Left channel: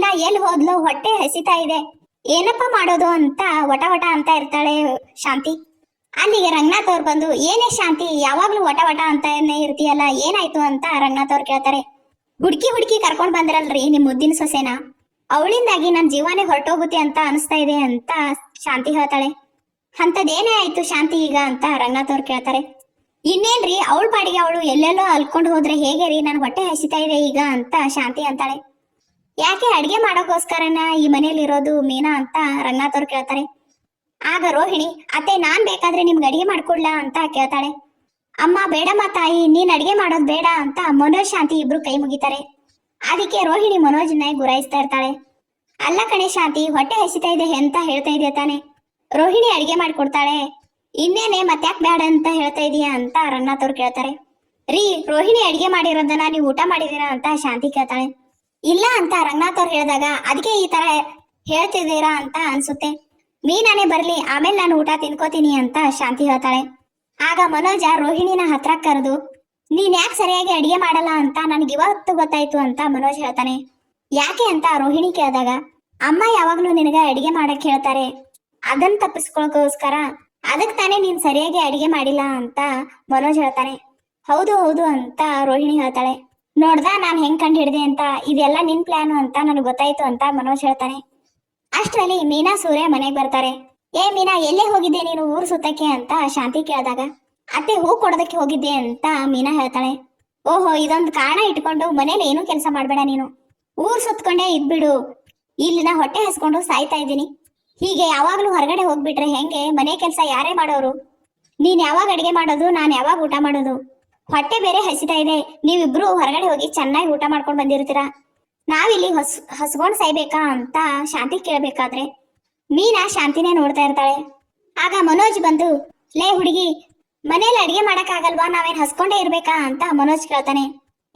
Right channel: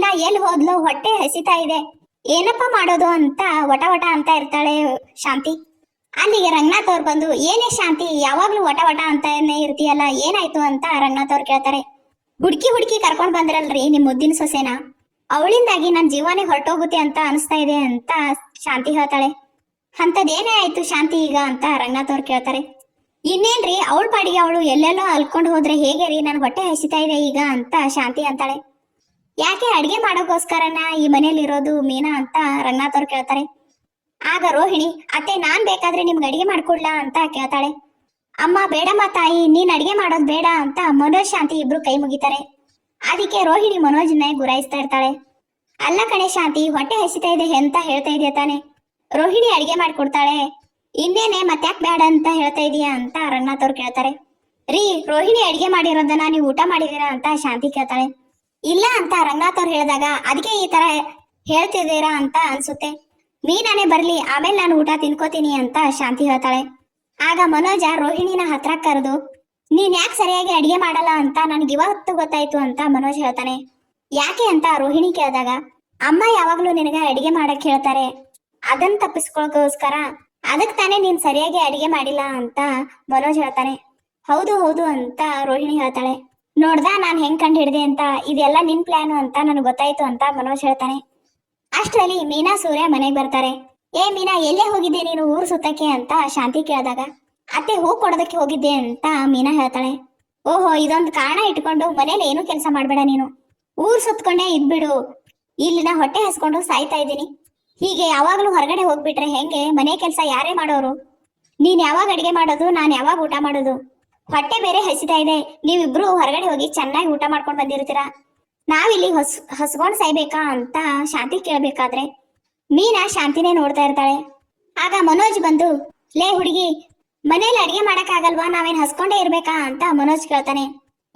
ಮೀನಾ ಎಲ್ಲಿ ಹೋದ್ಲು? ಹೊಟ್ಟೆ ಹಸಿತಾ ಇದೆ. ಏನಪ್ಪ ಮಾಡೋದು ಅಂತ ವಟ ವಟ ಅಂತ ಇರ್ತಾಳೆ ಶಾಂತಿ. ಅಲ್ಲಿಗೆ ರಂಗನಾಥ್ ಅವ್ರು ಬಂದು, ಏನೇ ಶಾಂತಿ, ಯಾವಾಗ್ಲೂ ವಟ ವಟ ಅಂತಾನೆ ಇರ್ತೀಯಲ್ಲ, ಏನಾಯ್ತು ಅಂತ ರಂಗನಾಥ್ ಅವ್ರು ಕೇಳ್ತಾರೆ. ಹುಡ್ಕಿ ಹುಡ್ಕಿ ಕರ್ಕೊಂಡ್ ಬಂದ್ರಲ್ರಿ ನಿಮ್ ಮುದ್ದಿನ ಸೊಸೆನ. ಅವಳಿಂದಾಗಿ ನನ್ ಜೀವನೇ ಹೊರಟೋಗುತ್ತೆ ಅಂತ ಅನಿಸ್ತಾ ಇದೆ ಅಂತ ಶಾಂತಿ ಹೇಳ್ತಾಳೆ. ಅಂತದೇನೇ ಆಯ್ತು ಶಾಂತಿ ಈಗ ಅಂತ ರಂಗನಾಥ್ ಅವ್ರು ಕೇಳ್ತಾರೆ. ಇನ್ನೇನ್ರಿ, ಅವಳ ಪಾಡಿಗೆ ಅವಳು ಎಲ್ಲೆಲ್ಲೋ ಅಲ್ಕೊಂಡು ಹೋದ್ರೆ ಹೇಗೆ ರೀ? ನನ್ ಹೊಟ್ಟೆ ಹಸಿತಾ ಇದೆ ಈಗ ಅಂತ ಶಾಂತಿ ಅಂತಾಳೆ. ಯಾಕೆ ಅಡಿಗೆ ಮಾಡೋಕ್ಕೋಸ್ಕರನ ಈ ಮನೆಯಲ್ಲಿ ಇರೋದು ಮೀನಾ ಅಂತ ರಂಗನಾಥ್ ಅವ್ರು ಕೇಳ್ತಾರೆ? ಆಗ ರೋಹಿಣಿ, ಅತ್ತೆ, ನಾನ್ ಬೇಕಾದ್ರೆ ನಿಮ್ಗೆ ಅಡಿಗೆ ಮಾಡ್ಕೊಡ್ಲಾ? ಅಂತ ಕೇಳ್ತಾಳೆ. ಅಮ್ಮ, ಬೇಡಮ್ಮ ತಾಯಿ, ನೀನ್ ಅಡಿಗೆ ಮಾಡೋದ್ ಬೇಡ ಅಂತ ಮನೋಜ್ ಶಾಂತಿ ಇಬ್ರು ಕೈ ಮುಗಿತಾರೆ. ಅದಕ್ಕೆ ರೋಹಿಣಿ ಮನೋಜ್ನ ಗುರಾಯಿಸ್ತಾ ಇರ್ತಾಳೆ. ಅಲ್ಲ ಕಣೆ ಶಾಂತಿ, ಹೊಟ್ಟೆ ಹೆಸಿತಾ ಇದೆ ಅಂತ ಹೇಳ್ತಾ ಇದೆಯಾ ತಾನೆ? ರೋಹಿಣಿ ಅಡಿಗೆ ಮಾಡ್ಕೊಡ್ತಾಳೆ. ಇನ್ನೇನೆ ಮತ್ತ್ಯಾಕ್ ಬೇಡ ಅಂತ ಹೇಳ್ತಾ ಇದೀಯಾ? ಅಂತ ರಂಗನಾಥ್ ಅವ್ರು ಕೇಳ್ತಾರೆ. ರೀ, ರೋಹಿಣಿ ಅಡಿಗೆ ಮಾಡಿರೋದನ್ನ ನೀವು ಊಟ ಮಾಡಿದೀರಾ ಅಂತ ಶಾಂತಿ ಕೇಳ್ತಾಳೆ. ಇಲ್ಲ ಅಂತ ರಂಗನಾಥ್ ಅವ್ರು ಹೇಳಿದಾಗ ಅದಕ್ಕೆ ಈ ತರ ಹೇಳ್ತಿದ್ದೀರಾ ಅಂತ ಅನ್ಸುತ್ತೆ. ಮೀನಾನೇ ಬರ್ಲಿ, ಆಮೇಲೆ ನಾನು ಊಟ ತಿನ್ಕೋತೀನಿ ಅಂತ ಶಾಂತಿ ಹೇಳ್ತಾಳೆ. ಆಗ ಮನೋಜ ರೋಹಿಣಿನ ಹತ್ರ ಕರೆದು, ನೀನ್ ಯಾಕೆ ಸರಿಯಾಗಿ ಅಡಿಗೆ ಮಾಡಲ್ಲ ಅಂತ ನನಗೆ ಇವತ್ತು ಗೊತ್ತಾಯ್ತು ಅಂತ ಮನೋಜ್ ಹೇಳ್ತಾನೆ. ಯಾಕೆ ಅಂತ ರೋಹಿಣಿ ಕೇಳಿದಾಗ, ಅಮ್ಮ ಯಾವಾಗ್ಲೂ ನಿನಗೆ ಅಡಿಗೆ ಮಾಡಕ್ ಹೇಳ್ತಾರೆ. ಅದನ್ನ ತಪ್ಪಿಸ್ಕೊಳಕೋಸ್ಕರ ಅದಕ್ ತಾನೇ ನೀನ್ ಸರಿಯಾಗಿ ಅಡಿಗೆ ಮಾಡಿಲ್ಲ ಅಂತ ಮನೋಜ್ ಹೇಳ್ತಾನೆ. ಹೌದು ಹೌದು ಅಂತ ರೋಹಿಣಿ ಹೇಳ್ತಾಳೆ. ನೋಡ್ದ ನಾನ್ ಹೆಂಗ್ ಕಂಡು ಹಿಡ್ದೆ ಅಂತ ಇದೆಲ್ಲ ನಿನ್ ಪ್ಲಾನು ಅಂತ ನನಗೆ ಗೊತ್ತಾಯ್ತು ಅಂತ ಮನೋಜ್ ಹೇಳ್ತಾನೆ. ಅಷ್ಟರಲ್ಲಿ ಮೀನಾ ಸೂರ್ಯ ಮನೆಗೆ ಬರ್ತಾರೆ. ಏ ಮೀನಾ, ಎಲ್ಲೇ ಹೋಗಿದ್ದೆ ನೀನು ಊರ್ ಸುತ್ತಕ್ಕೆ? ಅಂತ ಶಾಂತಿ ಕೇಳಿದಾಗ, ಅತ್ತೆ ಹೂ ಕೊಡೋದಕ್ಕೆ ಹೋಗಿದ್ದೆ? ಅಂತ ಮೀನಾ ಹೇಳ್ತಾಳೆ. ಓಹೋ, ಇದೊಂದು ಕಾರಣ ಇಟ್ಕೊಂಡು ಮನೇಲಿ ಏನೂ ಕೆಲಸ ಮಾಡ್ಬೇಡ ನೀನು. ಊರ್ ಸುತ್ಕೊಂಡೇ ಇದ್ಬಿಡು. ಇಲ್ಲಿ ನಾ ಹೊಟ್ಟೆ ಹಸ್ಕೊಂಡು ಸಾಯ್ತಾ ಇದ್ದೀನಿ. ಹೀಗೆ ಯಾವಾಗಲೂ ಹೊರಗಡೆ ಹೋಗ್ಬಿಟ್ರೆ ಹೆಂಗೆ? ಮನೆ ಕೆಲಸ ಯಾರೇ ಮಾಡೋರು. ನೀನ್ ಯಾವಾಗ ಅಡಿಗೆ ಮಾಡೋದು, ನಾನು ಯಾವಾಗ ಊಟ ಮಾಡೋದು? ಹೊಟ್ಟೆ ಬೇರೆ ಹಸಿತಾ ಇದೆ. ನೀವಿಬ್ರು ಹೊರಗಡೆ ಹೋಗಿ ಚೆನ್ನಾಗಿ ಊಟ ಮಾಡ್ಕೊಂಡು ಬಂದಿರ್ತೀರಾ? ನಾವಿಲ್ಲಿ ಹೊಸ್ ಹಸ್ಕೊಂಡ್ ಸಾಯ್ಬೇಕಾ ಅಂತ ಶಾಂತಿ ಕೇಳಬೇಕಾದ್ರೆ ಮೀನಾ ಶಾಂತಿನೇ ನೋಡ್ತಾ ಇರ್ತಾಳೆ. ಆಗ ಮನೋಜ್ ಬಂದು, ಲೇ ಹುಡುಗಿ, ಮನೇಲಿ ಅಡಿಗೆ ಮಾಡಕ್ಕಾಗಲ್ವಾ? ನಾವೇನ್ ಹಸ್ಕೊಂಡೇ ಇರ್ಬೇಕಾ? ಅಂತ ಮನೋಜ್ ಕೇಳ್ತಾನೆ.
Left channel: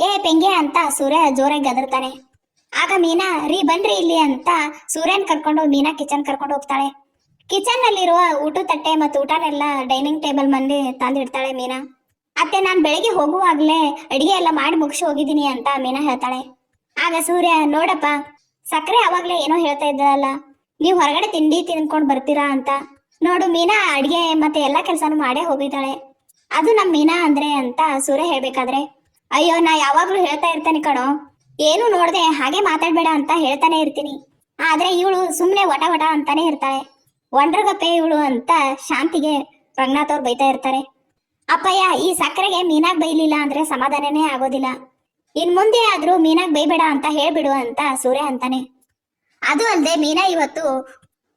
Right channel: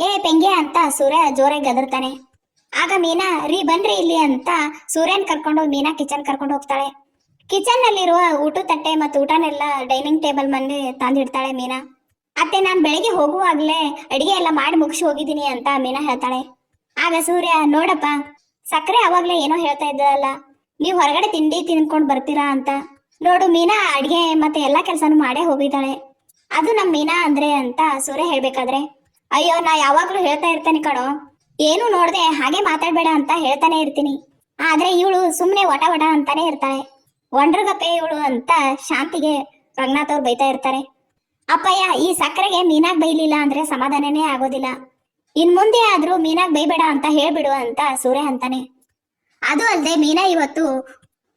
ಏ ಪೆಂಗೆ ಅಂತ ಸೂರ್ಯ ಜೋರಾಗಿ ಗದರ್ತಾನೆ. ಆಗ ಮೀನಾ, ರೀ ಬಂದ್ರಿ ಇಲ್ಲಿ ಅಂತ ಸೂರ್ಯನ್ ಕರ್ಕೊಂಡು, ಮೀನಾ ಕಿಚನ್ ಕರ್ಕೊಂಡು ಹೋಗ್ತಾಳೆ. ಕಿಚನ್ ನಲ್ಲಿರುವ ಊಟ ತಟ್ಟೆ ಮತ್ತು ಊಟನೆಲ್ಲ ಡೈನಿಂಗ್ ಟೇಬಲ್ ಮಂದಿ ತಂದಿಡ್ತಾಳೆ ಮೀನಾ. ಅತ್ತೆ, ನಾನು ಬೆಳಿಗ್ಗೆ ಹೋಗುವಾಗ್ಲೇ ಅಡಿಗೆ ಎಲ್ಲ ಮಾಡಿ ಮುಗಿಸಿ ಹೋಗಿದ್ದೀನಿ ಅಂತ ಮೀನಾ ಹೇಳ್ತಾಳೆ. ಆಗ ಸೂರ್ಯ, ನೋಡಪ್ಪ, ಸಕ್ಕರೆ ಅವಾಗ್ಲೇ ಏನೋ ಹೇಳ್ತಾ ಇದ್ದಲ್ಲ ನೀವು ಹೊರಗಡೆ ತಿಂಡಿ ತಿನ್ಕೊಂಡು ಬರ್ತೀರಾ ಅಂತ. ನೋಡು ಮೀನಾ, ಅಡಿಗೆ ಮತ್ತೆ ಎಲ್ಲಾ ಕೆಲ್ಸನೂ ಮಾಡೇ ಹೋಗಿದ್ದಾಳೆ. ಅದು ನಮ್ ಮೀನಾ ಅಂದ್ರೆ ಅಂತ ಸೂರ್ಯ ಹೇಳ್ಬೇಕಾದ್ರೆ, ಅಯ್ಯೋ, ನಾ ಯಾವಾಗ್ಲೂ ಹೇಳ್ತಾ ಇರ್ತೇನೆ ಕಣೋ, ಏನು ನೋಡ್ದೆ ಹಾಗೆ ಮಾತಾಡ್ಬೇಡ ಅಂತ ಹೇಳ್ತಾನೆ ಇರ್ತೀನಿ. ಆದ್ರೆ ಇವಳು ಸುಮ್ನೆ ವಟ ವಟ ಅಂತಾನೆ ಇರ್ತಾಳೆ. ಒಂಡ್ರಗಪ್ಪೆ ಇವಳು ಅಂತ ಶಾಂತಿಗೆ ರಂಗನಾಥ್ ಅವ್ರು ಬೈತಾ ಇರ್ತಾರೆ. ಅಪ್ಪಯ್ಯ, ಈ ಸಕ್ಕರೆಗೆ ಮೀನಾಗ್ ಬೈಲಿಲ್ಲ ಅಂದ್ರೆ ಸಮಾಧಾನನೇ ಆಗೋದಿಲ್ಲ. ಇನ್ ಮುಂದೆ ಆದ್ರೂ ಮೀನಾಗ್ ಬೈಬೇಡ ಅಂತ ಹೇಳ್ಬಿಡು ಅಂತ ಸೂರ್ಯ ಅಂತಾನೆ. ಅದು ಅಲ್ದೆ ಮೀನಾ ಇವತ್ತು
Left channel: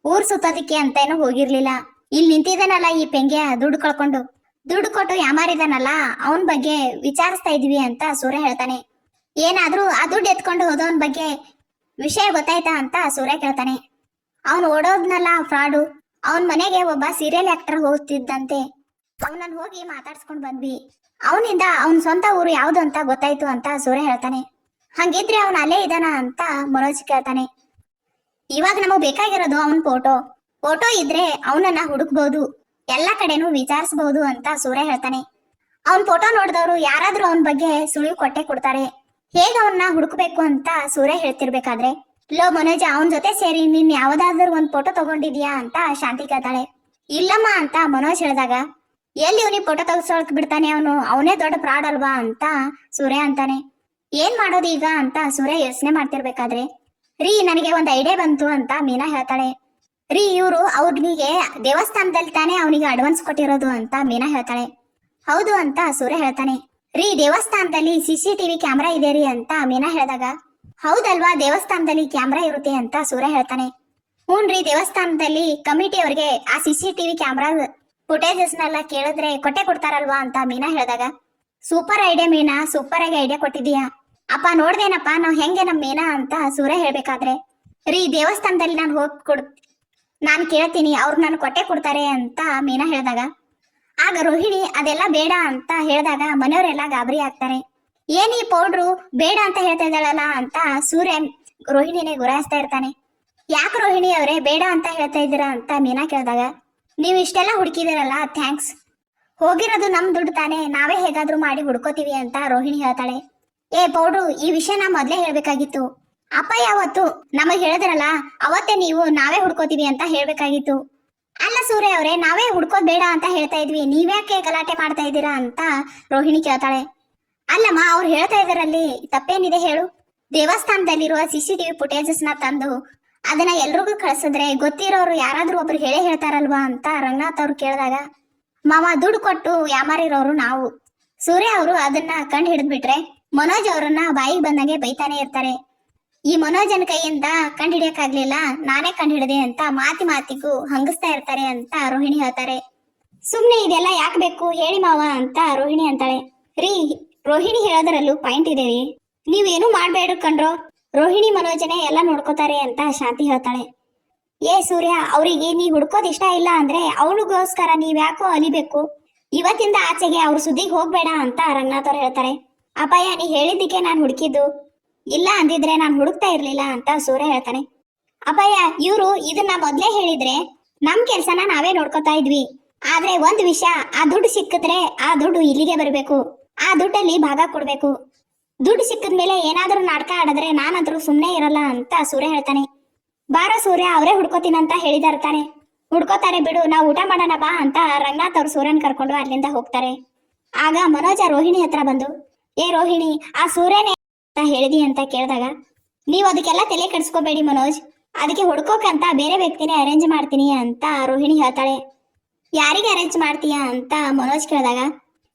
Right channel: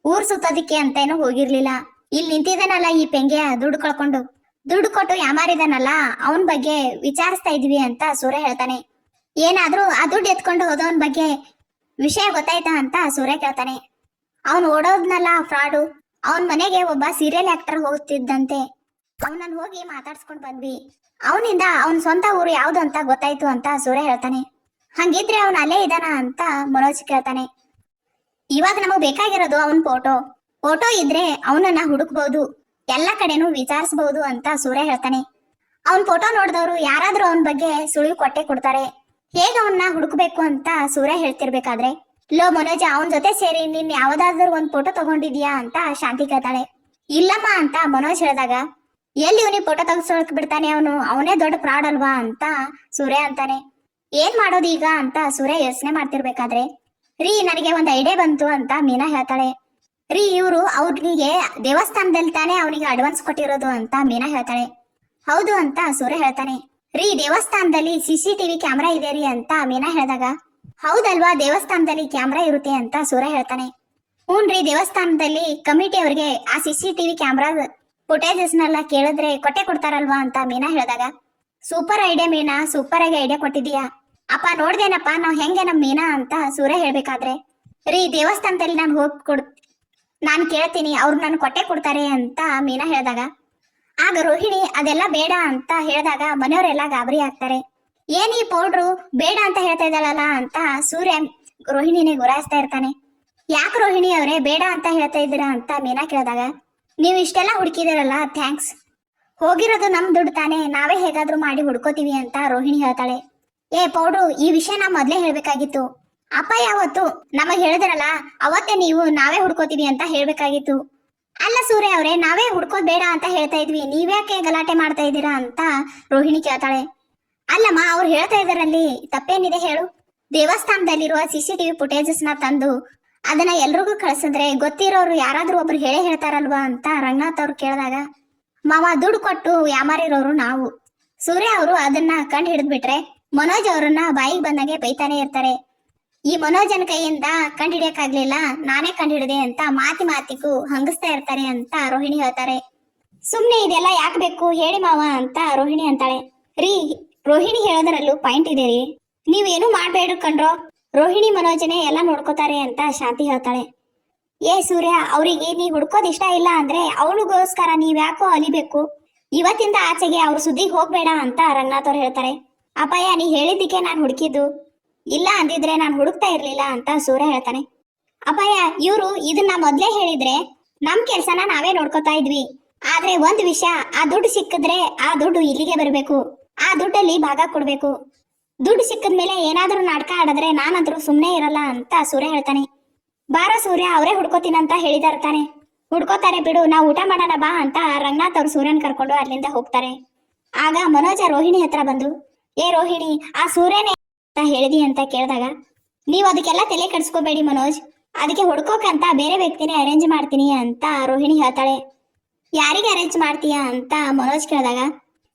ಊರ್ ಸುತ್ತೋದಿಕ್ಕೆ ಅಂತ ಏನೋ ಹೋಗಿರ್ಲಿಲ್ಲ. ಇಲ್ಲಿ ನಿಂತಿದ್ದಾನಲ್ಲ ಈ ಪೆಂಗೆ ದುಡ್ಡು ಕಳ್ಕೊಂಡು. ದುಡ್ಡು ಕೊಟ್ಟು ಯಾಮಾರಿದಾನಲ್ಲ, ಅವನ್ ಬಗ್ಗೆ ವಿಚಾರಿಸ್ತಾ ಇದ್ವಿ ಅಂತ ಸೂರ್ಯ ಹೇಳ್ತಾನೆ. ಏನಾದ್ರೂ ಆ ದುಡ್ಡು ಎತ್ಕೊಂಡು ಹೋದವನ್ ಬಗ್ಗೆ ವಿಷಯ ಗೊತ್ತಾಯ್ತಾ ಅಂತ ಸೂರ್ಯ ಕೇಳ್ತಾನೆ. ಅವನು ಓಡೋದ್ನಲ್ಲ ಫ್ರಾಡು. ಅವನ್ ಮನೆಗೆ ಒಬ್ಬ ಸೀರಿಯಲ್ ಆಕ್ಟರ್ ಹೋಗ್ತಿದ್ದಂತೆ. ಅವನನ್ನ ಹೋಗಿ ಮಾತಾಡ್ಸ್ಕೊಂಡ್ ಬಂದ್ವಿ. ಅವನಿಂದ ಅವನ್ ಸ್ವಂತ ಊರು ಯಾವ್ದು ಅಂತ ಗೊತ್ತಾಯ್ತು ಅಂತ ಸೂರ್ಯ ಹೇಳ್ತಾನೆ. ಹಂಗಿದ್ರೆ ಅವನ್ ಅಲ್ಲೇ ಇದಾನ ಅಂತ ಮನೋಜ್ ಕೇಳ್ತಾನೆ. ಇವಾಗ ನಮಗ್ ಬೇಕಾಗಿರೋದು ಅವನ್ ಫೋಟೋ ಫೋಟೋ ಇದ್ರೆ ಅವನನ್ನ ಹುಡುಕ್ಬಹುದು ಎಲ್ಲಾ ಕಡೆನೂ ವಿಚಾರಿಸಬಹುದು ಅಂತ ಸೂರ್ಯ ಹೇಳ್ತಾನೆ. ಅವನ್ ಫೋಟೋ ನೋಡಿದವರು ಯಾರಾದ್ರೂ ಅವನ್ ಬಗ್ಗೆ ಸುಳಿವು ಕೊಟ್ಟೆ ಕೊಡ್ತಾರೆ. ಹೇಗ ಅವನ್ನ ಹುಡುಕ್ಬೇಕು ಅಂತ ಸೂರ್ಯ ಹೇಳ್ತಿರ್ಬೇಕಾದ್ರೆ, ಲೋ ಮನೋಜ, ಅವನ್ ಜೊತೆ ಸೇರಿ ನೀನ್ ಯಾವ್ದಾದ್ರೂ ಒಂದ್ ಫೋಟೋ ತಗೊಂಡಿದ್ಯಾ ಅಂತ ಶಾಂತಿ ಕೇಳ್ತಾಳೆ. ಇಲ್ಲಮ್ಮ ಅಂತ ಮನೋಜ್ ಹೇಳಿದಾಗ ಎಲ್ಲಿ ಅವನಿಗೆ ಫೋಟೋ ತೆಗೆಸೋಳಕ್ ಬಿಡ್ತಾನೆ ಅವನು? ಅವನೇ ದೊಡ್ಡ ಫ್ರಾಡ್ ಅಲ್ವಾ ಅಂತ ಸೂರ್ಯ ಅಂತಾನೆ. ಏನ್ ಮಾಡೋದು ಈಗ ಅಂತ ಸೂರ್ಯ ಯೋಚನೆ ಮಾಡ್ತಿರ್ಬೇಕಾದ್ರೆ? ರೀ, ನನಗೆ ಒಂದ್ ಐಡಿಯಾ ಬಂತು ಅಂತ ಮೀನಾ ಹೇಳ್ತಾಳೆ. ರೀ, ಇವರು ಅವ್ರಿಗೆ ದೇವಸ್ಥಾನದಲ್ಲಿ ತಾನೆ ಅವನಿಗೆ ಅಡ್ವಾನ್ಸ್ ಕೊಟ್ಟಿರೋದು ಅಂತ ಮೀನಾ ಹೇಳ್ತಾಳೆ. ಹೌದು ಅಂತ ಸೂರ್ಯ ಹೇಳ್ತಾನೆ. ರೀ, ದೇವಸ್ಥಾನದಲ್ಲಿ ಸಿಸಿ ಟಿವಿ ಕ್ಯಾಮ್ರಾ ಇದೆ ರೀ ಅಂತ ಮೀನಾ ಹೇಳಿದಾಗ. ಹೌದಲ್ವಾ, ದೇವಸ್ಥಾನದಲ್ಲಿ ಕ್ಯಾಮ್ರಾ ಇರುತ್ತೆ ಅಂತ ಸೂರ್ಯ ಹೇಳ್ತಾನೆ. ಹ್ಞೂನ್ರಿ, ದೇವಸ್ಥಾನದಲ್ಲಿ ಕಮಿಟಿ ಅವ್ರಿಗೆ ಆ ಸಿಸಿ ಟಿವಿ ಕ್ಯಾಮ್ರಾ ಫುಟೇಜಸ್ನೆಲ್ಲ ಕೇಳಿದ್ರೆ ಕೊಟ್ಟೆ ಕೊಡ್ತಾರಲ್ವಾ ಅಂತ ಮೀನಾ ಹೇಳಿದಾಗ, ಸೂಪರ್ ಐಡಿಯಾ ಮೀನಾ, ಸೂಪರ್ ಆಗಿ ಐಡಿಯಾ ಕೊಟ್ಟಿದ್ಯಾ ಅಪ್ಪ ನೋಡ್ದೇನಪ್ಪ, ನಾವ್ ಹೆಂಗೆ ನಮ್ ಮೀನಾ ಅಂತ ಸೂರ್ಯ ಹೇಳ್ಬೇಕಾದ್ರೆ, ರೀ ದೇವಸ್ಥಾನದಲ್ಲಿ ನಾನು ಹೋಗಿ ಕೊಡ್, ನಾನ್ ಕೇಳ್ತೀನಿ, ಅವ್ರು ನನ್ ಕೊಟ್ಟೆ ಕೊಡ್ತಾರೆ ಅಂತ ಮೀನಾ ಹೇಳಿದಾಗ, ಆಗ ರೋಹಿಣಿ, ಅದೆಲ್ಲ ಬೇಡ ಅಂತ ಹೇಳಿದಾಗ ಮನೆಯವರೆಲ್ಲ ಗಾಬರಿ ಆಗ್ತಾರೆ. ಏನ್ ಈ ಪೌಡ್ರು, ಬೇಡ ಅಂತ ಹೇಳ್ತಾ ಇದ್ದಾಳಲ್ಲ ಅಂತ ಸೂರ್ಯ ರೋಹಿಣಿನೇ ಗುರಾಯಿಸ್ತಾ ಇರ್ತಾನೆ. ಯಾಕೆ ರೋಹಿಣಿ ಅವರೇ, ಬೇಡ ಅಂತ ಹೇಳ್ತಾ ಇದ್ದೀರಾ ಅಂತ ಮೀನಾ ಕೇಳಿದಾಗ ನೀವು ಇಷ್ಟೆಲ್ಲ ಹುಡುಕಿದಿರಲ್ಲ ಥ್ಯಾಂಕ್ಸ್ ಹೋಗಿರೋದು ನಮ್ ದುಡ್ಡು ತಾನೇ, ನಾವೇ ಹೇಗಾದ್ರೂ ಮಾಡಿ ಹುಡ್ಕೋತೀವಿ ಅಂತ ರೋಹಿಣಿ ಹೇಳ್ತಾಳೆ. ಏ ಪೌಡ್ರು, ಈ ವಿಷಯ ನಾ ಮೊದ್ಲೇ ಹೇಳ್ಬೇಕಾಗಿತ್ತು. ಅಪ್ಪ ಯಾವತ್ತು? ನಮಗ್ ಹೇಳಿದ್ರಲ್ಲ, ಅವತ್ತೇ ನೀವು ನಾವೇ ಹುಡ್ಕೋತೀವಿ ಅಂತ ಹೇಳ್ಬೇಕಾಗಿತ್ತು. ಅಲ್ಲ ಸೂರ್ಯ ಅವರೇ, ನಾವೇ ಹುಡ್ಕೋದ್ ಬೇಡ ಅಂತ ಹೇಳ್ತಾ ಇದ್ವಿ, ನೀವ್ಯಾಕೆ ಗಲಾಟೆ ಮಾಡ್ತಾ ಇದ್ದೀರಾ ಅಂತ ರೋಹಿಣಿ ಕೇಳ್ತಾಳೆ. ಅಲ್ಲಮ್ಮ, ಅವ್ರು ಹೇಳ್ತಾ ಇದಾರಲ್ಲಿ ತಪ್ಪೇನಿದೆ ಹೇಳು. ದೇವಸ್ಥಾನದಲ್ಲಿರುವ ಸಿ ಸಿ ಟಿವಿ ಫುಟೇಜಸ್ನ ತಂದು ಅದನ್ನ ಎಲ್ರಿಗೂ ಕಳ್ಸಿದ್ರೆ ಗೊತ್ತಿರೋರು ಯಾರಾದ್ರೂ ಒಬ್ರು ಹೇಳೇ ಹೇಳ್ತಾರಲ್ವಾ ಅಂತ ರಂಗನಾಥ್ ಅವ್ರು ಕೇಳಿದಾಗ, ಮಾವ ದುಡ್ಡು ಕೊಟ್ಟು ವ್ಯಾಮಾರಿರೋರು ನಾವು. ಸೂರ್ಯ ಅವರು ಅದನ್ನ ಕಂಡು ಹಿಡಿದ್ಬಿಟ್ರೆ ಮನೋಜ್ ಅವರನ್ನ ಬಾಯಿಗೆ ಬಂದಂಗೆ ಬೈತಾನೆ ಇರ್ತಾರೆ. ಈ ಮನೋಜನ್ ಕೈಯಿಂದ ಕಂಡು ಹಿಡಿಯಕ್ಕಾಗ್ಲಿಲ್ಲ, ನಾನೇ ಕಂಡು ಹಿಡಿದೆ ಅಂತ ಮಾತಿ ಮಾತಿಗೂ ಹಂಗಿಸ್ತಾ ಇರ್ತಾರೆ ಅಂತ ರೋಹಿಣಿ ಹೇಳ್ತಾರೆ. ಸುಮ್ನೆ ಇದೆಲ್ಲ ಯಾಕೆ ಬೇಕು ಹೇಳಿ ಮಾವ ಅಂತ ರೋಹಿಣಿ ಅಂತಾಳೆ. ರೀ, ರೋಹಿಣಿ ಹೇಳೋದ್ರಲ್ಲೂ ಪಾಯಿಂಟ್ ಇದೆ ರೀ. ನೀವೇನು ಮಾಡ್ಬೇಡ ಕಣ್ರೋ. ರೋಹಿಣಿ ಮನೋಜನೆ ಎಲ್ಲ ನೋಡ್ಕೋತಾರೆ ಅಂತ ಶಾಂತಿ ಹೇಳ್ತಾಳೆ. ಏ ಸೂರ್ಯ, ಅವರಿಗೆ ನೀ ಹುಡ್ಕೋದ್ ಇಷ್ಟ ಇಲ್ಲ ಅಂದ್ರೆ ಅವಳಿಗೋಸ್ಕರ ನೀವ್ಯಾಕೋ ಅಲಿಬೇಕು? ಇವತ್ತಿಂದ ಆಚೆಗೆ ಅವ್ರ ಸುದ್ದಿಗೆ ಹೋಗ್ಬೇಡ ಅಂತ ರಂಗನಾಥ್ ಅವ್ರು ಹೇಳ್ತಾರೆ. ಅಪಾಯ, ನೀ ಹೇಳಿದ್ದಕ್ಕೆ ನಾನು ಹುಡುಕಿದ್ದು. ಇಲ್ಲ ಅಂದಿದ್ರೆ ನಾನು ಹುಡುಕ್ತಾ ಇರ್ಲಿಲ್ಲ ಅಂತ ಸೂರ್ಯ ಹೇಳ್ತಾನೆ. ಅಪಾಯ, ಇವ್ರು ಇದನ್ನ ಮೊದ್ಲೇ ಹೇಳಿದ್ರೆ ನಮ್ ಕೆಲ್ಸನ ನಾವೇ ನೋಡ್ಕೋತಾ ಇದ್ವಿ. ಆದ್ರೆ ಒಂದ್ ವಿಷಯ, ಆ ದುಡ್ಡು ಸಿಕ್ಕಿದ್ರೆ ಆ ದುಡ್ಡು ಇಲ್ಲಿಗೆ ಬರಬೇಕು. ಆ ದುಡ್ಡಲ್ಲಿ ಭಾಗ ಕೊಡ್ಬೇಕು. ದುಡ್ಡು ಸಿಕ್ಕಿದ್ಮೇಲೆ ಏನಾದ್ರೂ ನಾಟಕ ಆಡಿದ್ರೆ ನಾನಂತರೂ ಸುಮ್ಮನೆ ಇರಲ್ಲ ಅಂತ ಸೂರ್ಯ ಹೇಳ್ತಾನೆ. ಬಾರ ಸೂರ್ಯ, ಅವರೇ ಹುಡ್ಕೋತೀನಂತ ಹೇಳಿದಿರ್ತಾನೆ ಹುಡ್ಕೋತಾರೆ ಬಿಡು, ನಾವು ಊಟ ಮಾಡೋಣ ಬಾ ಅಂತ ರಂಗನಾಥ್ ಅವ್ರು ಸೂರ್ಯನ್ ಕರ್ಕೊಂಡು ಅಲ್ಲಿಂದ ಹೋಗ್ತಾರೆ. ಆಗ ಮನೋಜ ರೋಹಿಣಿ ಹತ್ರ ಬಂದು, ಏ ರೋಹಿಣಿ, ಆ ಸೂರ್ಯನೇ ಅಂತ ಹೇಳಿದಿ ಅಂತ ಕೇಳಿದಾಗ, ನೀವು ಅದಕ್ಕೆಲ್ಲ ತಲೆ ಕೆಡಿಸ್ಕೋಬೇಡಿ ಮನೋಜ್. ಅದಕ್ಕೆ ಹುಡ್ಕೋಕಂತ ಬೇರೆ ವ್ಯಕ್ತಿನೇ ಅರೇಂಜ್ ಮಾಡ್ತೀನಿ ಅಂತ ರೋಹಿಣಿ ಹೇಳ್ತಾಳೆ. ಯಾರಿಗೆ ಅರೇಂಜ್ ಮಾಡ್ತೀಯಾ? ಅಂತ ಮನೋಜ್ ಕೇಳಿದಾಗ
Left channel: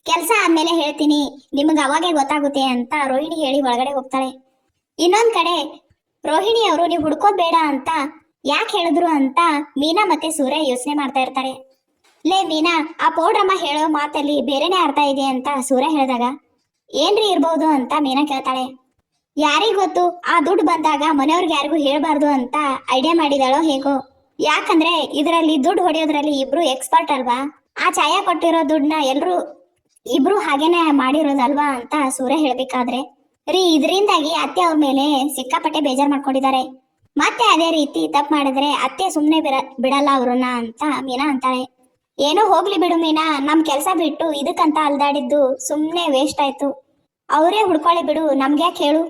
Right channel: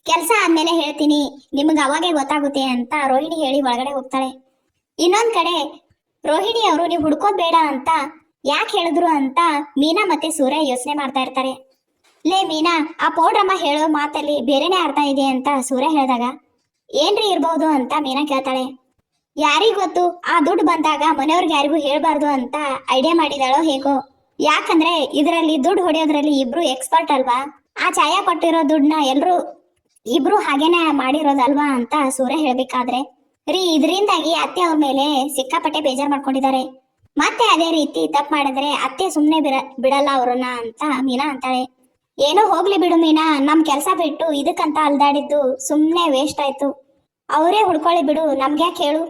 ಕೆಲಸ ಆದ್ಮೇಲೆ ಹೇಳ್ತೀನಿ, ನಿಮ್ಗೆ ಅವಾಗೇ ಗೊತ್ತಾಗುತ್ತೆ ಅಂತ ರೋಹಿಣಿ ಹೇಳಿ ಒಳಗಡೆ ಹೋಗ್ತಾಳೆ. ಇನ್ನೊಂದ್ ಕಡೆ ರೋಹಿಣಿ ಅವರು, ನೀವು ಹುಡ್ಕೋಬೇಡ ಅಂತ ಯಾಕೆ ಹೇಳಿದ್ರು ಅಂತ ಮೀನಾ ಮತ್ತೆ ಸೂರ್ಯ ಯೋಚನೆ ಮಾಡ್ತಾ ಇರ್ತಾರೆ. ಲೇ ಮೀನಾ, ಆ ಪೌಡ್ರಮ್ಮ ಹೇಳೋ ಮಾತಲ್ಲಿ ಬೇರೆನೇ ಅರ್ಥ ಇದೆ ಅಂತ ಸೂರ್ಯ ಹೇಳಿದಾಗ, ಏನ್ರಿ ಇರ್ಬೋದು ಅಂತ ಮೀನಾ ಕೇಳ್ತಾಳೆ. ಯಾರಿಗ್ ಗೊತ್ತು? ಆ ದುಡ್ಡು ಬಂದಾಗ ಮನೆಯವ್ರಿಗೆ ಯಾರಿಗೂ ಹೇಳ್ಬಾರ್ದು ಅಂತ ಐಡಿಯಾ ಮಾಡಿದಾಳೋ ಹೇಗೋ. ಯಾಕಂದ್ರೆ ಇದರಲ್ಲಿ ದುಡ್ಡು ಹೊಡೆಯೋದ್ರಲ್ಲಿ ಇಬ್ರು ಎಕ್ಸ್ಪರ್ಟ್ ಅಲ್ವಾ? ಆ ಛಾಯಾ ಕೊಟ್ಟಿರೋ ದುಡ್ಡನ್ನ ಎಲ್ರು ಇಬ್ರು ಹಾಗೇನೆ ಮಾಡಿರೋದಲ್ವಾ ಅಂತ ಸೂರ್ಯ ಹೇಳ್ಬೇಕಾದ್ರೆ, ರೀ, ಇದರಿಂದಾಗಿ ಅತ್ತೆ ಅವ್ರ ಮೇಲೆ ಸಿಕ್ಕಾಪಟ್ಟೆ ಬೇಜಾರ್ ಮಾಡ್ಕೊಂಡಿದ್ದಾರೆ. ಮತ್ತೆ ಅದೇ ರೀತಿ ತಪ್ಪು ಮಾಡಿದ್ರೆ ಅತ್ತೆ ಬಿರ, ಬಿಡಲ್ಲ ಅವ್ರನ್ನ ಅಂತ ಮೀನಾ ಅಂತಾಳೆ. ಏನೋ ಹೋಗ್ಲಿ ಬಿಡು ಮೀನಾ, ನಮ್ ಕೆಲ್ಸ ಬಿಟ್ಟು ಇದಕ್ಕಂತ ಅಲ್ದಾಡಿದ್ದು ಸುಮ್ನೆ ವೇಸ್ಟ್ ಆಯ್ತು. ಅವರೇ ಹುಡ್ಕೊಳ್ಳಿ ಬಿಡು, ನಮ್ಗ್ಯಾಕೆ ಹೇಳು.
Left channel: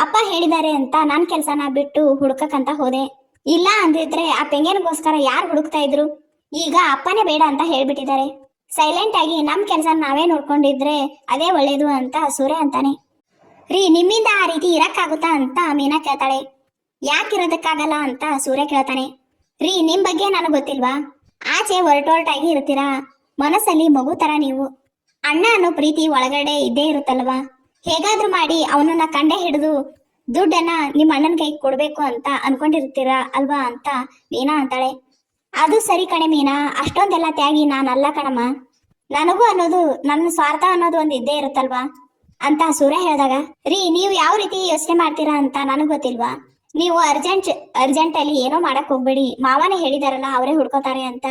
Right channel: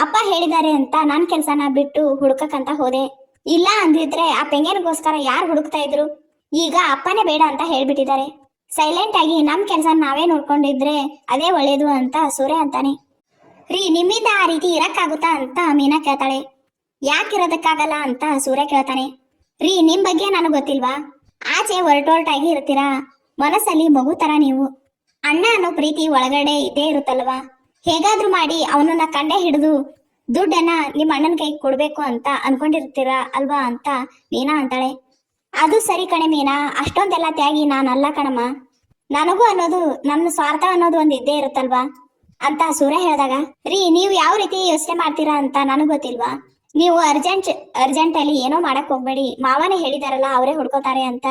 ಅಪ್ಪ ಹೇಳಿದ್ದಾರೆ ಅಂತ ನನ್ ಕೆಲ್ಸನ ಬಿಟ್ಟು ಹುಡ್ಕಕ್ಕಂತ ಹೋದೆ. ಇಲ್ಲ ಅಂದಿದ್ರೆ ಆ ಪೆಂಗೇನಗೋಸ್ಕರ ಯಾರು ಹುಡುಕ್ತಾ ಇದ್ರು? ಈಗ ಅಪ್ಪನೇ ಬೇಡ ಅಂತ ಹೇಳ್ಬಿಟ್ಟಿದ್ದಾರೆ. ಸೈಲೆಂಟ್ ಆಗಿ ನಮ್ ಕೆಲಸ ನಾವೇ ನೋಡ್ಕೊಂಡಿದ್ರೆ ಅದೇ ಒಳ್ಳೇದು ಅಂತ ಸೂರ್ಯ ಅಂತಾನೆ. ರೀ, ನಿಮ್ಮಿಂದ ಆ ರೀತಿ ಇರಕ್ಕಾಗುತ್ತಾ ಅಂತ ಮೀನಾ ಕೇಳ್ತಾಳೆ. ಯಾಕಿರೋದಕ್ಕಾಗಲ್ಲ ಅಂತ ಸೂರ್ಯ ಕೇಳ್ತಾನೆ. ರೀ, ನಿಮ್ ಬಗ್ಗೆ ನಾನು ಗೊತ್ತಿಲ್ವಾ? ಆಚೆ ಹೊರಟೊರಟಾಗಿ ಇರ್ತೀರಾ? ಮನಸ್ಸಲ್ಲಿ ಮಗು ತರ ನೀವು. ಅಣ್ಣ ಅನ್ನೋ ಪ್ರೀತಿ ಒಳಗಡೆ ಇದ್ದೇ ಇರುತ್ತಲ್ವಾ? ಹೇಗಾದ್ರೂ ಮಾಡಿ ಅವನನ್ನ ಕಂಡೆ ಹಿಡಿದು ದುಡ್ಡನ್ನ ನಿಮ್ಮ ಅಣ್ಣನ ಕೈಗೆ ಕೊಡ್ಬೇಕು ಅಂತ ಅನ್ಕೊಂಡಿರ್ತೀರಾ ಅಲ್ವಾ ಅಂತ ಮೀನಾ ಅಂತಾಳೆ. ಅದು ಸರಿ ಕಣೆ ಮೀನಾ. ಅಷ್ಟೊಂದೆಲ್ಲ ತ್ಯಾಗಿ ನಾನಲ್ಲ ಕಣಮ್ಮ. ನನಗೂ ಅನ್ನೋದು, ನನ್ನ ಸ್ವಾರ್ಥ ಅನ್ನೋದು ಒಂದು ಇದ್ದೇ ಇರುತ್ತಲ್ವಾ? ಅಂತ ಸೂರ್ಯ ಹೇಳಿದಾಗ, ರೀ, ನೀವು ಯಾವ ರೀತಿ ಯೋಚನೆ ಮಾಡ್ತೀರಾ ಅಂತ ನನಗ್ ಗೊತ್ತಿಲ್ವಾ? ನೀವು ಅರ್ಜೆಂಟ್ ಅರ್ಜೆಂಟ್ ಅಲ್ಲಿ ಏನೋ ಮಾಡಕ್ ಹೋಗ್ಬೇಡಿ. ಮಾವನೇ ಹೇಳಿದಾರಲ್ಲ, ಅವರೇ ಹುಡ್ಕೋತಾರೆ ಅಂತ.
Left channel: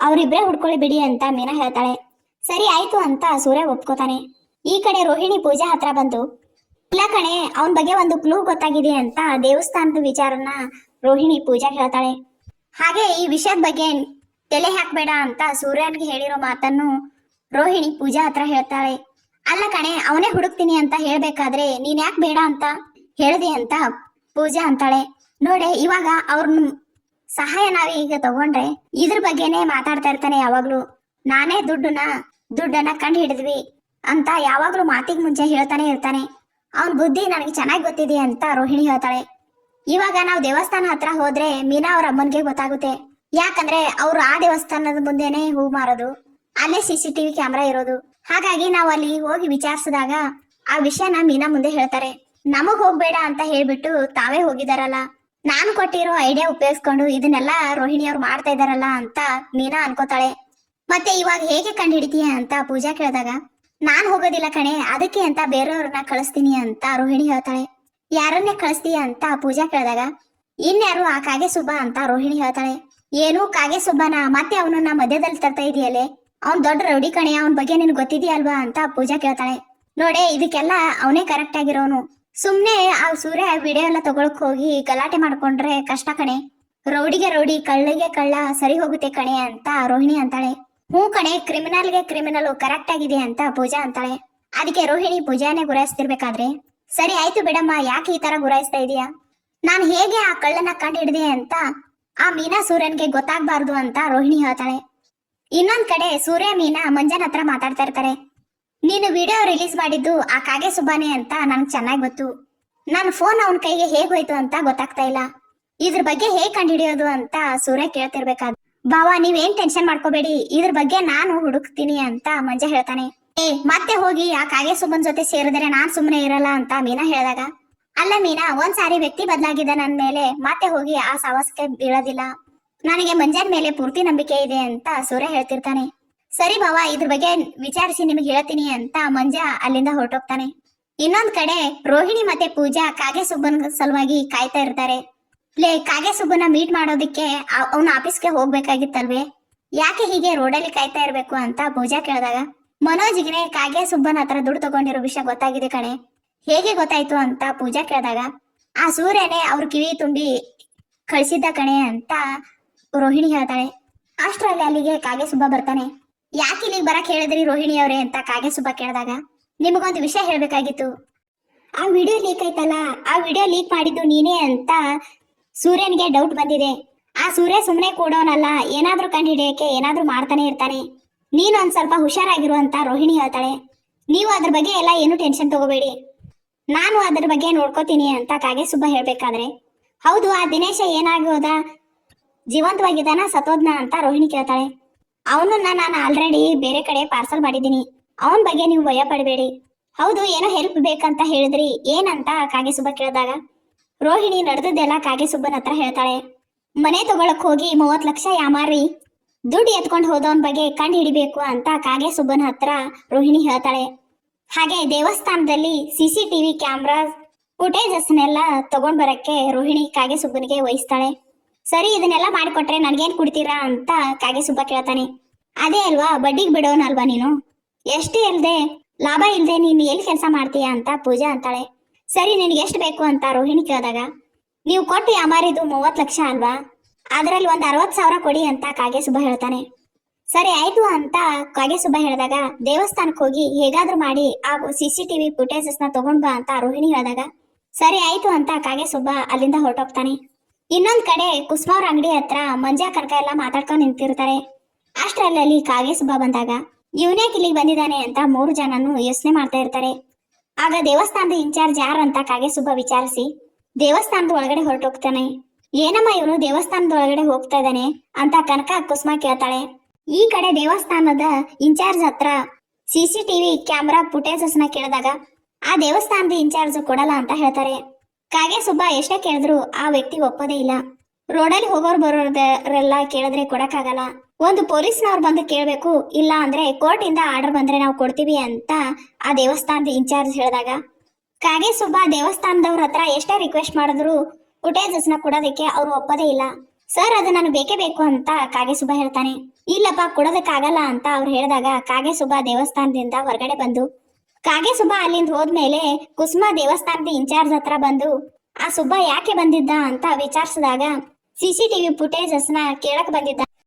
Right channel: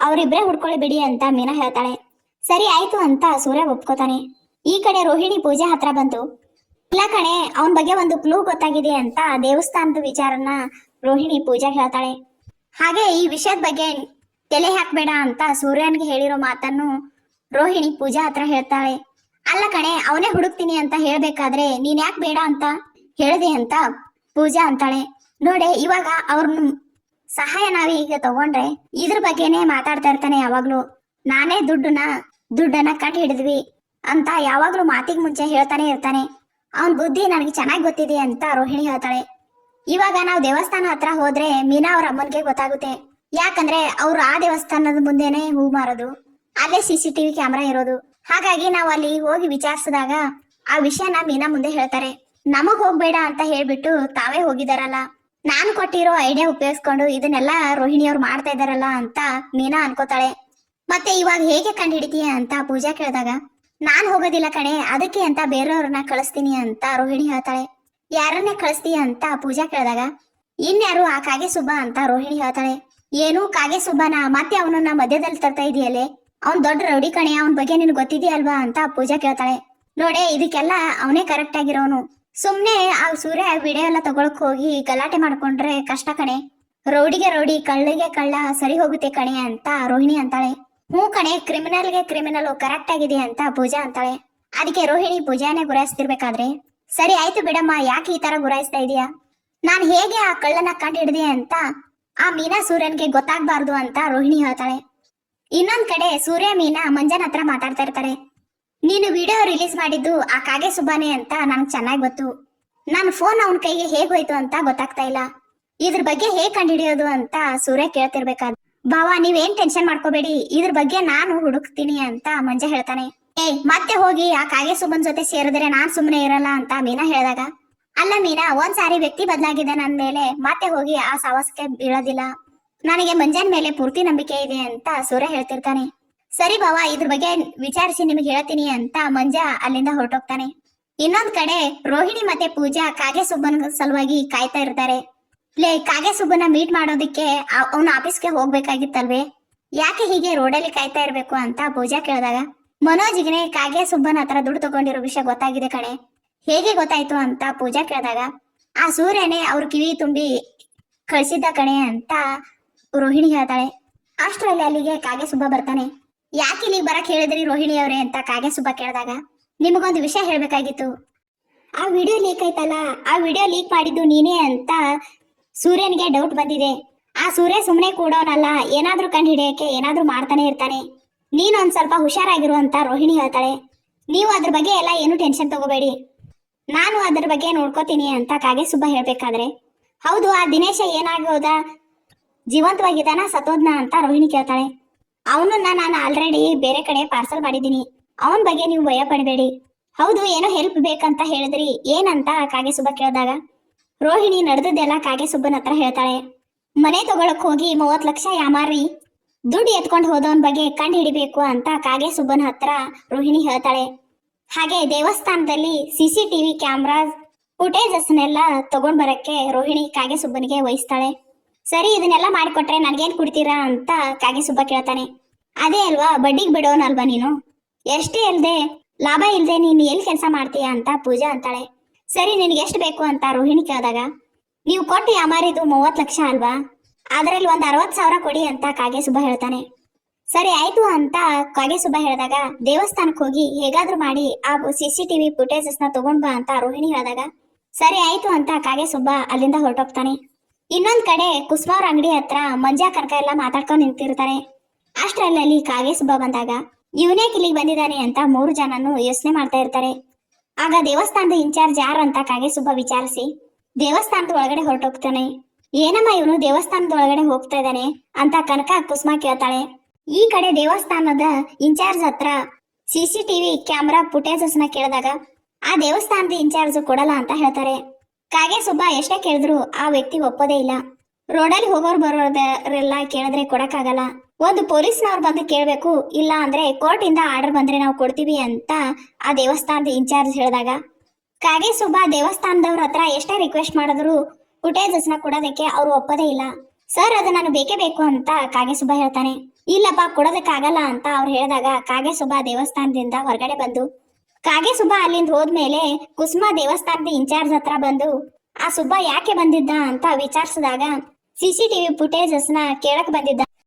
ಅವರಿಬ್ರೇ ಹುಡ್ಕೊಳ್ಳಿ ಬಿಡಿ ಅಂತ ಮೀನಾ ಹೇಳ್ತಾಳೆ. ಸರಿ ಆಯ್ತು ಅಂತ ಸೂರ್ಯ ಒಪ್ಕೋತಾನೆ. ಈ ಕಡೆ ರೋಹಿಣಿ ಪೂಜೆ ಹತ್ರ ಬಂತು ಇಲ್ಲ ಕಣೆ, ಅವನ ಬಗ್ಗೆ ಒಂದು ಕ್ಲೂ ಗೊತ್ತಾಗಿದೆ ಅಂತ ದೇವಸ್ಥಾನದ ವಿಚಾರನ ರೋಹಿಣಿ ಪೂಜಾ ಹೇಳ್ತಾಳೆ. ಹಾಗೆ ಈ ವಿಷಯದ ಬಗ್ಗೆ ತಲೆ ಹಾಕ್ಬೇಡ ಅಂತ ಸೂರ್ಯನ್ಗೆ ಹೇಳಿರೋ ಮಾತನ್ನು ರೋಹಿಣಿ ಪೂಜಾ ಹತ್ರ ಹೇಳ್ತಾಳೆ. ಅಲ್ಲ ಕಣೆ, ಅವನೇ ಹುಡುಕ್ತೀನಿ ಅಂತ ಹೇಳ್ಬೇಕಾದ್ರೆ ನೀನ್ ಯಾಕೆ ಬೇಡ ಅಂತ ಹೇಳ್ದಿ ಅಂತ ಪೂಜಾ ಅಂತಾಳೆ. ನೋಡೆ, ಇವಾಗ ಅವ್ರನ್ನ ಸಹಾಯ ನಾವೇ ಈಗ ತಗೊಂಡ್ರೆ ಇದ್ರ ಬಗ್ಗೆನೆ ಮಾತಾಡ್ತಾ ಇರ್ತಾನೆ ಯಾವಾಗ್ಲೂ. ನಾನೇ ದುಡ್ಡನ್ನ ದುಡ್ಡನ್ನ ಕಂಡು ಹಿಡಿದ್ವಿ ಅಂತ ಯಾವಾಗ್ಲೂ ಮಾತಿಗೆ ಮುಂಚೆ ಹೇಳ್ತಾನೆ ಇರ್ತಾನೆ. ಅವನ್ ಬುದ್ಧಿ ನನಗೆ ಚೆನ್ನಾಗಿ ಗೊತ್ತಿದೆ ಅಂತ ರೋಹಿಣಿ ಹೇಳ್ತಾಳೆ. ಇವಾಗ ನಾವು ದೇವಸ್ಥಾನ ಹತ್ರ ಹೋದ್ರೆ ಮೀನಾ ಅವ್ರ ಅಮ್ಮನ್ಗೆ ಗೊತ್ತಾಗುತ್ತೆ. ಯಾಕಂದ್ರೆ ಅವ್ರು ಆ ದೇವಸ್ಥಾನದ ಮುಂದೆನೆ ಹೂ ಮಾರೋದು. ಅಲ್ಲೇ ಸಿ ಸಿ ಟಿವಿ ಕ್ಯಾಮ್ರಾ ಇರೋದು. ಹಾಗಾಗಿ ನಾವು ಅಲ್ಲಿ ಹೋಗಿ ವಿಚಾರಿಸಿದಾಗ ಆ ವಿಷಯನ ಮೀನಾ ಮುಂದೆ ಹೇಳ್ತಾರೆ. ನಮಗ್ ಹೋಗ್ಬೇಡ ಅಂತ ಹೇಳ್ಬಿಟ್ಟು ತಾವೇ ಹೋಗಿದಾರಲ್ಲ. ನಾನು ಕೊಟ್ಟಿರೋ ಐಡಿಯಾ ಉಪಯೋಗಿಸ್ಕೊಂಡು ಇದನ್ನೆಲ್ಲ ರೋಹಿಣಿ ಅವ್ರು ಮಾಡ್ತಾ ಇದಾರಲ್ಲ ಅಂತ ಮೀನಾ ಅನ್ಕೋತಾಳೆ. ಮತ್ತೆ ಇವಾಗ ಹೇಗೆ ಕಂಡು ಹಿಡಿತೀಯ ಅಂತ ಪೂಜಾ ಕೇಳಿದಾಗ, ನಾನ್ ಹೋಗೋದಿಲ್ಲ ಕಣೆ, ಅದಕ್ಕೆ ಅಂತ ಬೇರೆಯವ್ರನ್ನ ಕಳಿಸ್ತೀನಿ ಅಂತ ರೋಹಿಣಿ ಹೇಳ್ತಾಳೆ. ಯಾರನ್ನೇ ಕಳಿಸ್ತೀಯ ಅಂತ ಪೂಜಾ ಕೇಳಿದಾಗ, ಇನ್ಯಾರು ಆ ಕಾಗೆ ಸುಬ್ಬ ಅಂತ ರೋಹಿಣಿ ಹೇಳ್ತಾಳೆ. ಏನು ಕಾಗೆ ಸುಬ್ಬನ? ಮತ್ತೆ ಅವನನ್ನ ಮಧ್ಯದಲ್ಲಿ ತರ್ತಾ ಇದೆಯಲ್ಲೇ? ಅವ್ನ್ ದೊಡ್ಡ ರೌಡಿ ಕಣೆ, ಅವನ ಬಗ್ಗೆ ನಿನ್ ಗೊತ್ತಿದೆಯಲ್ವಾ? ಅಂತ ಪೂಜಾ ಕೇಳ್ತಾಳೆ. ನೋಡೆ, ಇದಕ್ಕೆಲ್ಲ ಅವನೇ ಕರೆಕ್ಟ್ ಆಗಿರೋನು. ಸುಮ್ನೆ ಆ ಸೂರ್ಯ ವಿಡಿಯೋ ಎಲ್ಲ ತಗೊಳಕ್ ಹೋಗಿ ಗಲಾಟೆ ಮಾಡ್ಕೊಂಡ್ರೆ ಕಷ್ಟ ಕಣೆ. ರೌಡಿಗೆ ರೌಡಿ, ಕಳ್ಳಗೆ ಕಳ್ಳ ಸರಿ ಹೋಗುತ್ತೆ ಕಣೆ ಅಂತ ರೋಹಿಣಿ ಅಂತಾಳೆ. ಹ್ಞೂ ಕಣೆ ಕ್ರಿಮಿನಲ್ಗೆ ಕ್ರಿಮಿನಲ್ ಕರೆಕ್ಟ್ ಆಗಿದೆ ಅಂತ ಪೂಜಾ ಅಂತಾಳೆ. ಅದಕ್ಕೆ ರೋಹಿಣಿ ಪೂಜಾನೇ ಗುರಾಯಿಸ್ತಿರ್ಬೇಕಾದ್ರೆ ಸರಿ ಆಯ್ತು ಬಿಡಮ್ಮ, ಯಾಕೆ ಈ ತರ ಗುರಾಯಿಸ್ತಾ ಇದೀಯಾ? ನಾನು ಹೇಗೆ ಆ ಕಳ್ಳನ ಕಂಡು ಹಿಡಿದೆ ಅಂತ, ಆ ಮೀನಾ ಸೂರ್ಯನ್ಗೆ ಗೊತ್ತಾಗ್ಬಾರ್ದು ಅಂತ ರೋಹಿಣಿ ಹೇಳ್ತಾಳೆ. ಇನ್ನೊಂದ್ ಕಡೆ ಸೂರ್ಯ ಮೀನಾ ಮಂಜನ್ ಹತ್ರ ಮಾತಾಡ್ತಾ ಇರ್ತಾರೆ. ನೀನು ವಿಡಿಯೋ ರಿಲೀಸ್ ಮಾಡಿದ್ದು ಆ ಕಾಗೆ ಸುಬ್ಬಾನೆ ಅಂತ ನನ್ಗೆ ಚೆನ್ನಾಗಿ ಗೊತ್ತು. ನನ್ನ ಫೋನ್ ಅವನ ಕೈಗೆ ಹೇಗ್ ಹೋಯ್ತು ಅಂತ ಗೊತ್ತಾಗ್ತಾ ಇಲ್ಲ. ಇದ್ರ ಬಗ್ಗೆ ಹೇಗ್ ಕಂಡುಹಿಡಿಯೋದು ಅಂತ ಸೂರ್ಯ ಕೇಳ್ತಿರ್ಬೇಕಾದ ಬಾವಾ ನೀವೇನ್ ಟೆನ್ಷನ್ ಮಾಡ್ಕೋಬೇಡಿ, ಇದ್ರ ಬಗ್ಗೆ ನಾನು ಹುಡುಕ್ತೀನಿ ಅಂತ ಮಂಜ ಹೇಳ್ತಾನೆ. ಏಯ್, ಮತ್ತೆ ಹೋಗಿ ಆ ಕಾಗೆ ಸುಬ್ಬನ್ ಜೊತೆ ಸೇರಿದ್ರೆ ನಾನ್ ಸುಮ್ಮನೆ ಇರಲ್ಲ ಅಂತ ಮೀನಾ ಹೇಳಿದಾಗ. ಅಲ್ಲ ಮೀನಾ ಒಂದ್ ಸಾರಿ ವ್ಯಕ್ತಿ ಬದಲಾಗಿದೆ ನನ್ ಮೇಲೆ ಮತ್ತೆ ಹೋಗಿ ಆ ಸಾಹಸಕ್ಕೆ ಬೀಳೋದಿಲ್ಲ. ನನಗೆ ಮಂಜನ್ ಮೇಲೆ ಪೂರ್ತಿ ನಂಬಿಕೆ ಇದೆ ಅಂತ ಸೂರ್ಯ ಹೇಳ್ತಿರ್ತಾನೆ. ಸರಿ ಬಾವ ಇದ್ರ ಬಗ್ಗೆ ವಿಚಾರಿಸಿ ನಿಮಗೆ ಹೇಳ್ತೀನಿ ಅಂತ ಮಂಜ ಅಲ್ಲಿಂದ ಹೊರಟೋಗ್ತಾನೆ. ಇನ್ನೊಂದ್ ಕಡೆ ರೋಹಿಣಿ ಮತ್ತೆ ಪೂಜಾ ಕಾಗೆ ಸುಬ್ಬನ್ ಸಲುವಾಗಿ ಕಾಯ್ತಾ ಇರ್ತಾರೆ. ಲೇ, ಕಾಗೆ ಸುಬ್ಬನ ಮೀಟ್ ಮಾಡೋದಿಕ್ಕೆ ಅವನ ಆಫೀಸ್ಗೆ ಹೋಗ್ಬೇಕಾಗಿತ್ತಲ್ವೇ? ಯಾಕೆ ಹೀಗೆ ರೋಡಲ್ಲಿ ಕಾಯ್ತಾ ಇರ್ಬೇಕು ಅಂತ ಪೂಜಾ ಕೇಳಿದಾಗ. ಮನೋಜ್ಗೆ ಕಾಗೆ ಸುಬ್ಬನ ಹತ್ರ ದುಡ್ಡು ತಗೊಂಡಿರೋ ವಿಷಯ ಗೊತ್ತಾಗಿದೆ ಕಣೆ. ಹೇಗೆ ಗೊತ್ತಾಯ್ತು ಅಂತ ಪೂಜಾ ಕೇಳಿದಾಗ, ಆ ಸೂರ್ಯನೇ ಅವ್ರ ಕಿವಿ ತುಂಬಿ ಕಳಿಸಿದ್ದ ಕಣೆ ಅಂತ ರೋಹಿಣಿ ಹೇಳ್ತಾಳೆ. ಅಷ್ಟರಲ್ಲಿ ಅಲ್ಲಿಗೆ ಕಾಗೆ ಸುಬ್ಬ ಬರ್ತಾನೆ. ಯಾಕೆ ಇಲ್ಲಿಗೆ ಬರಕ್ ಹೇಳಿದ್ರಿ ರೋಹಿಣಿ ಅವರೇ ಅಂತ ಕಾಗೆ ಸುಬ್ಬ ಕೇಳಿದಾಗ, ನಿಮಗೊಂದು ವಿಷಯ ಹೇಳ್ಬೇಕಾಗಿತ್ತು. ಆ ವಿಡಿಯೋ ಲೀಕ್ ಆಯ್ತಲ್ಲ, ಆ ವಿಡಿಯೋ ಲೀಕ್ ಮಾಡಿದ್ದು ನೀನೇ ಅಂತ ಸೂರ್ಯನಿಗೆ ಡೌಟ್ ಬಂದಿದೆ. ಆ ಸೂರ್ಯ ಸುಮ್ಮನೆ ಕೂಡೋನಲ್ಲ, ಏನಾದ್ರೂ ಕಂಡು ಹಿಡಿಯಕ್ಕೆ ಏನಾದ್ರೂ ಮಾಡ್ತಾನೆ ಇರ್ತಾನೆ. ನೀನೊಂದ್ ಸ್ವಲ್ಪ ಹುಷಾರಾಗಿರುವಂತ ರೋಹಿಣಿ ಹೇಳ್ತಾಳೆ. ನೀವು ಅದ್ರ ಬಗ್ಗೆ ಎಲ್ಲ ಏನು ಟೆನ್ಷನ್ ತಗೋಬೇಡಿ. ನಾನು ಅದ್ರ ಬಗ್ಗೆ ನೋಡ್ಕೋತೀನಿ ಅಂತ ಕಾಗೆ ಸುಬ್ಬ ಹೇಳ್ಬೇಕಾದ್ರೆ. ಹೌದು, ಆ ದಿನೇಶ ಏನಾಗೋದ? ಜೀವಂತವಾಗಿದ್ದಾನ ಸತೋದ್ನ ಅಂತ ರೋಹಿಣಿ ಕೇಳ್ತಾಳೆ. ಅವನನ್ನ ನಾನು ಆಲ್ರೆಡಿ ಬೇರೆ ಕಡೆ ಪಾರ್ಸಲ್ ಮಾಡಿದ್ದೀನಿ. ಅವನ ಬಗ್ಗೆ ನೀವು ಭಯ ಪಡಬೇಡಿ. ಹೌದು, ಏನೋ ಹೆಲ್ಪ್ ಬೇಕಂತ ಹೇಳಿದ್ರಿ. ಏನಂತ ಕಾಗೆ ಸುಬ್ಬ ಕೇಳಿದಾಗ. ರೋಹಿಣಿ ನಡೆದದ್ದೆಲ್ಲ ಕಾಗೆ ಸುಬ್ಬನ ಹತ್ರ ಹೇಳ್ತಾಳೆ. ಮನೆ ತಗೊಳಕ್ ಹೋಗಿ ಮೂವತ್ ಲಕ್ಷ ಯಾಮಾರಿ ದುಡ್ಡು ಎತ್ಕೊಂಡು ಹೋದವನ್ ಬಗ್ಗೆ ಕಂಡು ಹಿಡಿಬೇಕು ಅಂತ ಕಾಗೆ ಸುಬ್ಬನ ಹತ್ರ ರೋಹಿಣಿ ಹೇಳ್ತಾಳೆ. ಹಾಗೆ ದೇವಸ್ಥಾನದಲ್ಲಿ ಸಿ ಸಿ ಟಿವಿ ಕ್ಯಾಮ್ರಾ ಫುಟೇಜಸ್ನೆಲ್ಲ ತಗೊಂಡ್ ಬರಕ್ಕೆ ರೋಹಿಣಿ ಕಾಗೆ ಸುಬ್ಬನಿಗೆ ವಹಿಸ್ತಾಳೆ. ಸರಿ, ಇದನ್ನೆಲ್ಲ ಮಾಡಿಕೊಟ್ರೆ ನನ್ಗೇನ್ ಕೊಡ್ತೀರಾ ಅಂತ ಕಾಗೆ ಸುಬ್ಬ ಕೇಳ್ತಾನೆ. ಅದೇ ಅಲ್ವಾ, ಬಡ್ಡಿಗೆ ಬಿಡೋನಲ್ವಾ ನೀನು? ಎಷ್ಟೇ ಇಲ್ದೆ, ಲಾಭ ಇಲ್ದೆ ನೀನು ಎಲ್ಲಿ ಕೆಲಸ ಮಾಡ್ತೀಯಾ ಅಂತ ಪೂಜಾ ಅಂತಾಳೆ. ಸರಿ, ನಿನಗೆ ಎಷ್ಟು ಬೇಕು ಅಂತ ರೋಹಿಣಿ ಕೇಳಿದಾಗ, ನೀವು ಕೊಟ್ಟು ಯಾಮಾರಿದು ಮೂವತ್ತು ಲಕ್ಷ ಅಲ್ವಾ? ಅದರಲ್ಲಿ ಒಂದು ಅರವತ್ತು ಸಾವಿರ ಕೊಡಿ ಅಂತ ಕಾಗೆ ಸುಬ್ಬ ಹೇಳ್ತಾನೆ. ಸರಿ, ಆಯ್ತು ಅಂತ ಕಾಗೆ ಸುಬ್ಬ ಹೇಳಿದಾಗ ದೇವಸ್ಥಾನಕ್ಕೆ ಹೋಗಿ ಹೇಗಾದ್ರೂ ಮಾಡಿ ಆ ಸಿ ಸಿ ಟಿವಿ ನ ತಗೊಂಡ್ ಬಾ ಅಂತ ರೋಹಿಣಿ ಹೇಳಿದಾಗ, ಸರಿ, ಆಯ್ತು ಅಂತ ಕಾಗೆ ಸುಬ್ಬ ಅಲ್ಲಿಂದ ಹೊರಟೋಗ್ತಾನೆ. ಇನ್ನೊಂದ್ ಕಡೆ ಕುಸ್ಮಾವ್ರ ಅಂಗಡಿ ಹತ್ರ ಮಂಜಾ ಕರ್ಕ ಎಲ್ಲ ಮಾತಾಡ್ಕೊಂಡು ನಿಂತಿರ್ತಾರೆ. ಅಷ್ಟರಲ್ಲಿ ಕಾಗೆ ಸುಬ್ಬ ಬಂದಾಗ, ಇವನೇ ಇಲ್ಲಿಗೆ ಬಂದಿದ್ದಾನೆ? ಅಂತ ಮೂರು ಜನನು ಯೋಚನೆ ಮಾಡ್ತಾ ಇರ್ತಾರೆ. ಆಗ ದೇವಸ್ಥಾನದ ಇನ್ಚಾರ್ಜ್ ಯಾರು ಅಂತ ಕಾಗೆ ಸುಬ್ಬ ವಿಚಾರಿಸಿ, ದೇವಸ್ಥಾನದ ಒಳಗಡೆ ಹೊರಟೋಗ್ತಾನೆ. ಏನಮ್ಮ ಇವನು ದೇವಸ್ಥಾನದ ಒಳಗಡೆ ಹೋಗ್ತಾ ಇದ್ದಾನೆ ಅಂತ ಕನಕ ಕುಸುಮ ಕೇಳ್ತಾಳೆ. ಈ ಕಡೆ ದೇವಸ್ಥಾನದ ಇನ್ಚಾರ್ಜ್ ಹತ್ರ ಸಿಸಿಟಿವಿ ಕ್ಯಾಮ್ರಾ ಫುಟೇಜಸ್ನ ಕೇಳಿದಾಗ ಆ ದೇವಸ್ಥಾನದ ಇನ್ಚಾರ್ಜ್ ಕೊಡಲ್ಲ ಅಂತ ಹೇಳ್ತಾರೆ. ಕಾಗೆ ಸುಬ್ಬ ಎಷ್ಟೇ ಕೇಳಿದ್ರು ಆ ವ್ಯಕ್ತಿ ಒಪ್ಪೋದೇ ಇಲ್ಲ. ರೋಡಲ್ಲಿ ಹೋಗೋರು ಬರೋರೆಲ್ಲ ಕೇಳಿದ್ರೆ ಕೊಡಕ್ಕಾಗಲ್ಲ. ಒಂದು ಪೊಲೀಸ್ನವ್ರು ಬಂದು ಕೇಳಬೇಕು, ಇಲ್ಲ ಅಂದ್ರೆ ಕೋರ್ಟ್ ಇಂದ ಆರ್ಡರ್ ಬಂದ್ರೆ ನಾವು ಕೊಡ್ತೀವಿ ಅಂತ ಆ ದೇವಸ್ಥಾನದ ಇನ್ಚಾರ್ಜ್ ಹೇಳಿದಾಗ. ಕಾಗೆ ಸುಬ್ಬ ದೇವಸ್ಥಾನದವ್ರ ಹತ್ರ ಎಷ್ಟೇ ರಿಕ್ವೆಸ್ಟ್ ಮಾಡಿದ್ರು ಫುಟೇಜಸ್ನ ಕೊಡೋದಕ್ಕೆ ಅವ್ರು ಒಪ್ಪದೇ ಇಲ್ಲ. ಸರ್, ಅದು ನಾನು ಬೇಕೇ ಬೇಕು ಅಂತ ಕಾಗೆ ಸುಬ್ಬ ಹೇಳ್ತಾನೆ. ಇಲ್ಲಪ್ಪ, ಕೊಡೋದಕ್ಕಾಗಲ್ಲ ಅಂತ ಅವ್ರು ಹೇಳಿದಾಗ ಕಾಗೆ ಸುಬ್ಬ ದೇವಸ್ಥಾನದಿಂದ ಹೊರಗಡೆ ಬಂದು, ಕಾಗೆ ಸುಬ್ಬ ಅಲ್ಲಿಂದ ಹೋದ್ಮೇಲೆ ಕುಸುಮ ದೇವಸ್ಥಾನದ ಇನ್ಚಾರ್ಜ್ ಹತ್ರ ಬಂದು, ಆ ಸುಬ್ಬ ಯಾಕೆ ಬಂದಿದ್ದ? ಅಂತ ವಿಚಾರಿಸಿದಾಗ ಸಿಸಿಟಿವಿ ಫುಟೇಜಸ್ನ ಕೇಳಕ್ ಬಂದಿದ್ದ.